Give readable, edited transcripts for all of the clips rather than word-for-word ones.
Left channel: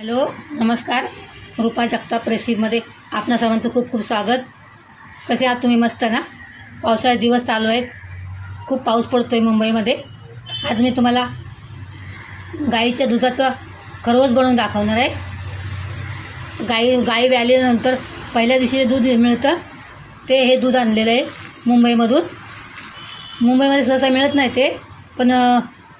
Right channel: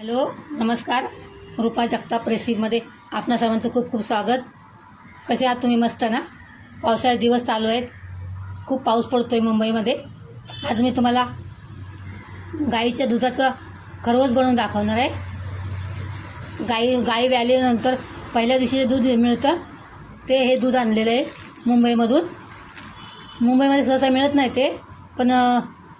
Hello नमस्कार. रूपा जगताप रेसिपीमध्ये आपणा सर्वांचं खूप खूप स्वागत. कसे आहात तुम्ही? मस्त ना? पावसाळे दिवस चालू आहेत, खूप पाऊस पडतो आहे मुंबईमध्ये. आज मी तुम्हाला गाईच्या दुधाचं खरवस बनवून दाखवणार आहे. गाई व्याल्यानंतर पहिल्या दिवशी जे दूध मिळतं ते हे दूध आणलेलं आहे मुंबईमधून. मुंबईमध्ये सहसा मिळत नाही ते, पण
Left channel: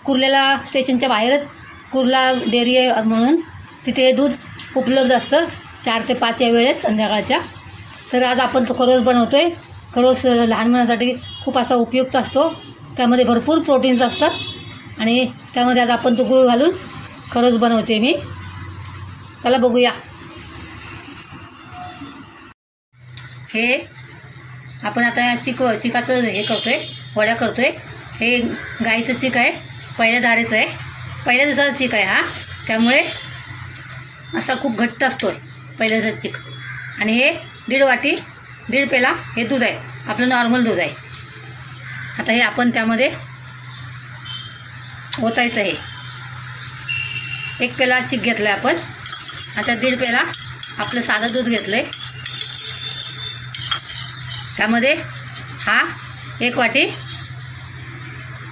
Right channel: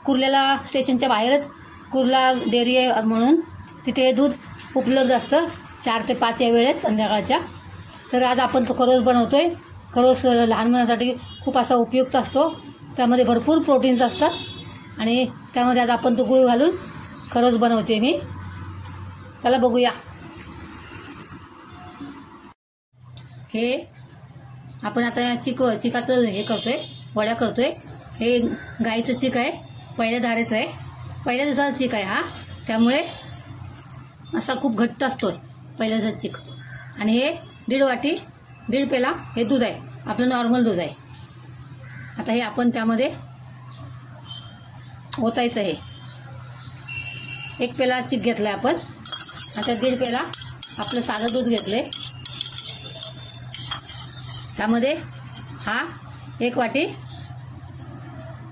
कुर्ल्याला स्टेशनच्या बाहेरच कुर्ला डेअरी आहे म्हणून तिथे हे दूध उपलब्ध असतं 4 ते 5 या वेळेत संध्याकाळच्या. तर आज आपण तो खरवस बनवतो आहे. खरवस लहान मुलांसाठी खूप असा उपयुक्त असतो. त्यामध्ये भरपूर प्रोटीन्स असतात आणि त्यामध्ये आज आपण तो गूळ घालून खरवस बनवते मी. चला बघूया. हे आपण आता चिकाचं हे करतो आहे, वड्या करतो आहे. हे गाईचं चिक आहे, पहिल्या धारेचं आहे, पहिल्या दिवसाचा चिक आहे हा. त्यामुळे असा खूप घट्ट असतो पहिल्या दिवसाचा चिक. आणि हे 1.5 वाटी 1.5 पेला हे दूध आहे, आपलं नॉर्मल दूध आहे. आता हे आपण त्यामध्ये ओतायचं. हे 1 पेला चिक घेतलं आहे आपण. आता 1.5 पेला आपलं साधं दूध घेतलं आहे. त्यामध्ये हा 1 वाटी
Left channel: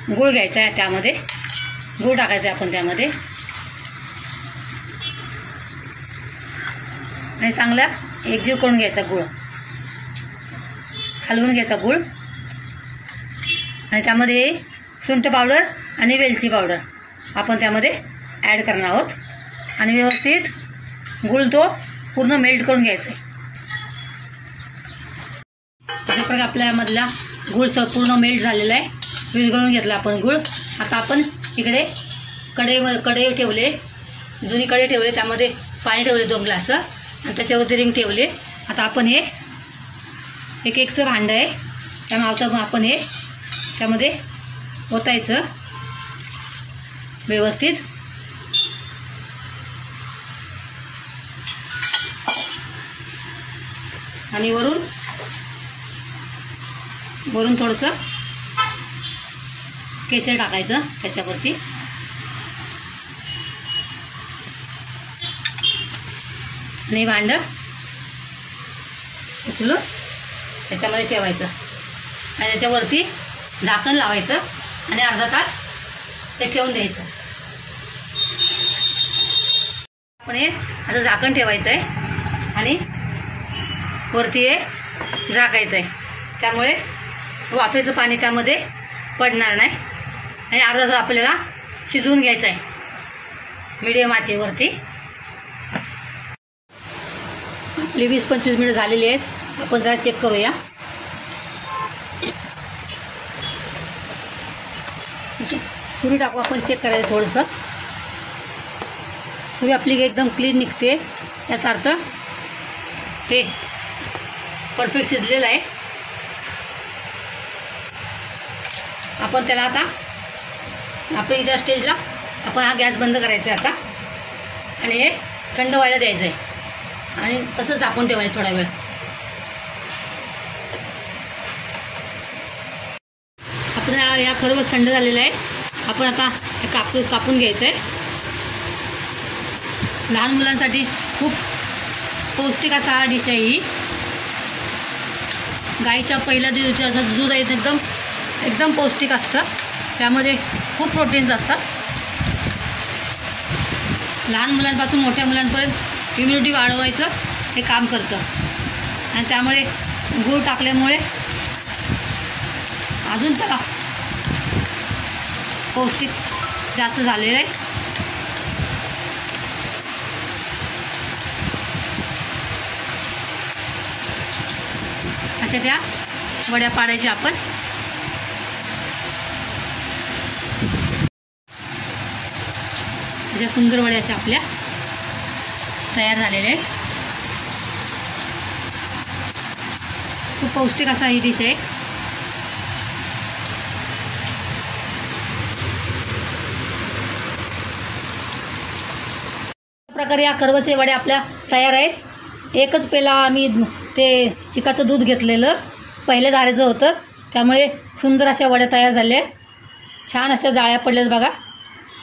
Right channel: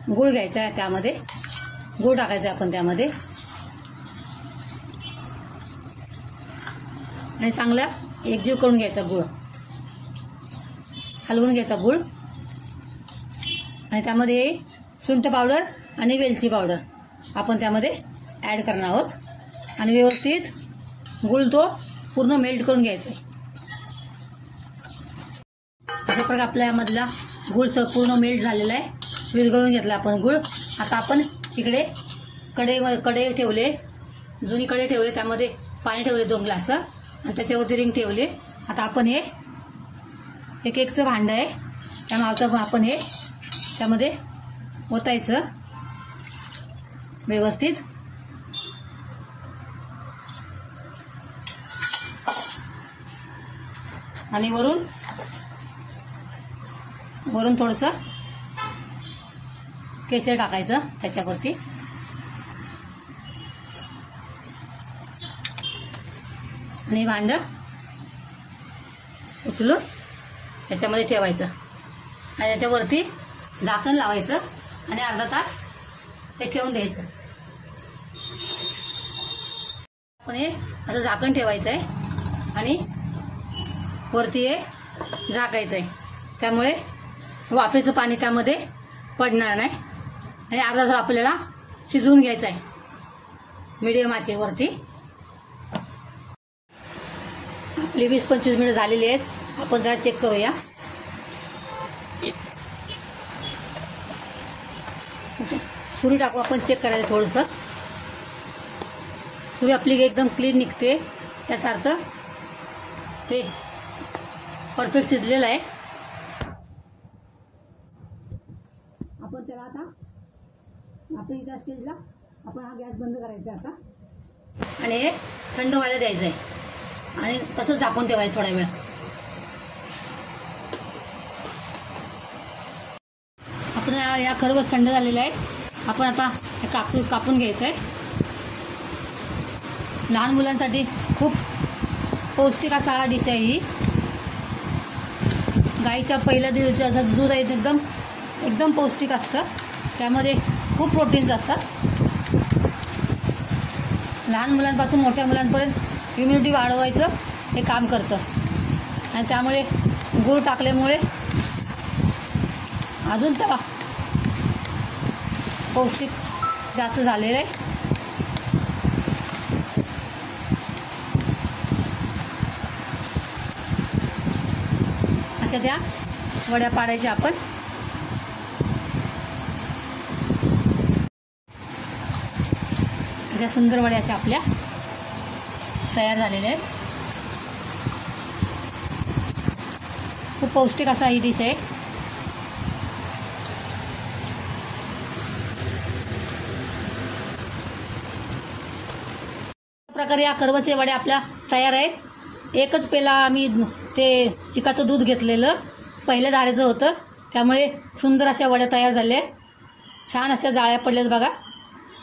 गूळ घ्यायचा आहे. त्यामध्ये गूळ टाकायचा आहे आपण त्यामध्ये आणि चांगला एकजीव करून घ्यायचा गूळ, हलवून घ्यायचा गूळ. आणि त्यामध्ये सुंठ पावडर आणि वेलची पावडर आपण त्यामध्ये ॲड करणार आहोत. आणि व्यवस्थित गूळ तो पूर्ण मेल्ट करून घ्यायचा आहे. अशा प्रकारे आपल्यामधला गूळ पूर्ण मेल्ट झालेला आहे, विरघळून घेतला आपण गूळ. आता आपण इकडे कढई ठेवले, जुनी कढई ठेवले, त्यामध्ये पाणी ठेवले 2 ग्लास आणि त्याच्यावरती रिंग ठेवले. आता आपण हे एकचं भांडं आहे, त्यामुळे आता आपण हे त्यामध्ये ओतायचं व्यवस्थित. आणि वरून थोडंसं केशर टाकायचं त्याच्यावरती. आणि भांडं उचलून त्याच्यामध्ये ठेवायचं आणि त्याच्यावरती झाकण लावायचं आणि अर्धा तास ते ठेवून द्यायचं. आपण हे असं झाकण ठेवायचं आहे आणि वरती हे झाकायचं आहे. त्यामुळे वाफेचं पाणी त्यामध्ये पडणार नाही. आणि अर्धा तास आपल्याला शिजवून घ्यायचं आहे मीडियम आचेवरती. आपले 20-25 मिनिट झालेले आहेत. आपण जरा चेक करूया. सुरी टाकू आपण, चेक करायचं थोडंसं. सुरी आपली एकदम क्लीन निघते, याचा अर्थ ते परफेक्ट शिजलेलं आहे. आपण त्याला आता आपल्या इतर स्टेजला आपण हा गॅस बंद करायचा आहे आता आणि हे थंड व्हायला द्यायचं आहे आणि तसंच झाकून ठेवायचं थोडा वेळ. आपण या खरवस थंड झालेलं आहे. आपण आता कापून घ्यायचं आहे. लहान मुलांसाठी खूप पौष्टिक असा डिश आहे ही. गाईच्या पहिल्या दिवसाचं दूध आहे, एकदम पौष्टिक असतं. त्यामध्ये खूप प्रोटीन्स असतात. लहान मुलांपासून मोठ्या मुलांपर्यंत इम्युनिटी वाढवायचं हे काम करतं. आणि त्यामुळे गूळ टाकल्यामुळे अजून त्याला पौष्टिक जास्त झालेलं आहे. अशा त्या वड्या पाडायच्या आपण. अशा सुंदर वड्या अशा आपल्या तयार झालेल्या आहेत. खूप पौष्टिक असा ही डिश आहे. प्रकारे या खरवसच्या वड्या आपल्या तयार आहेत. 1 पेला आम्ही ते चिकाचं दूध घेतलेलं पहिल्या धारेचं होतं, त्यामुळे सुंदर अशा वड्या तयार झाल्या. छान अशा जाळ्या पडल्यात बघा.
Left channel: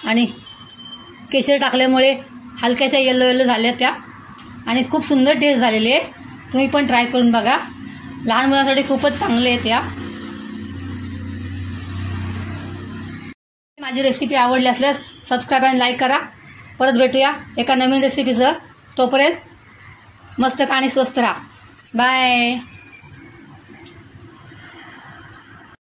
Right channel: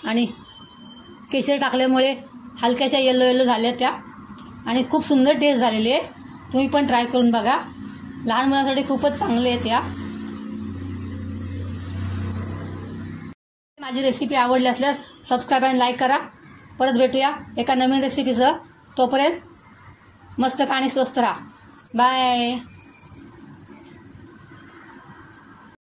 आणि केशर टाकल्यामुळे हलक्याच्या येलो येलो झाल्या त्या आणि खूप सुंदर टेस्ट झालेली आहे. तुम्ही पण ट्राय करून बघा. लहान मुलांसाठी खूपच चांगले आहेत या. माझी रेसिपी आवडली असल्यास सबस्क्राईब आणि लाईक करा. परत भेटूया एका नवीन रेसिपीसह. तोपर्यंत मस्त खा आणि स्वस्त राहा. बाय.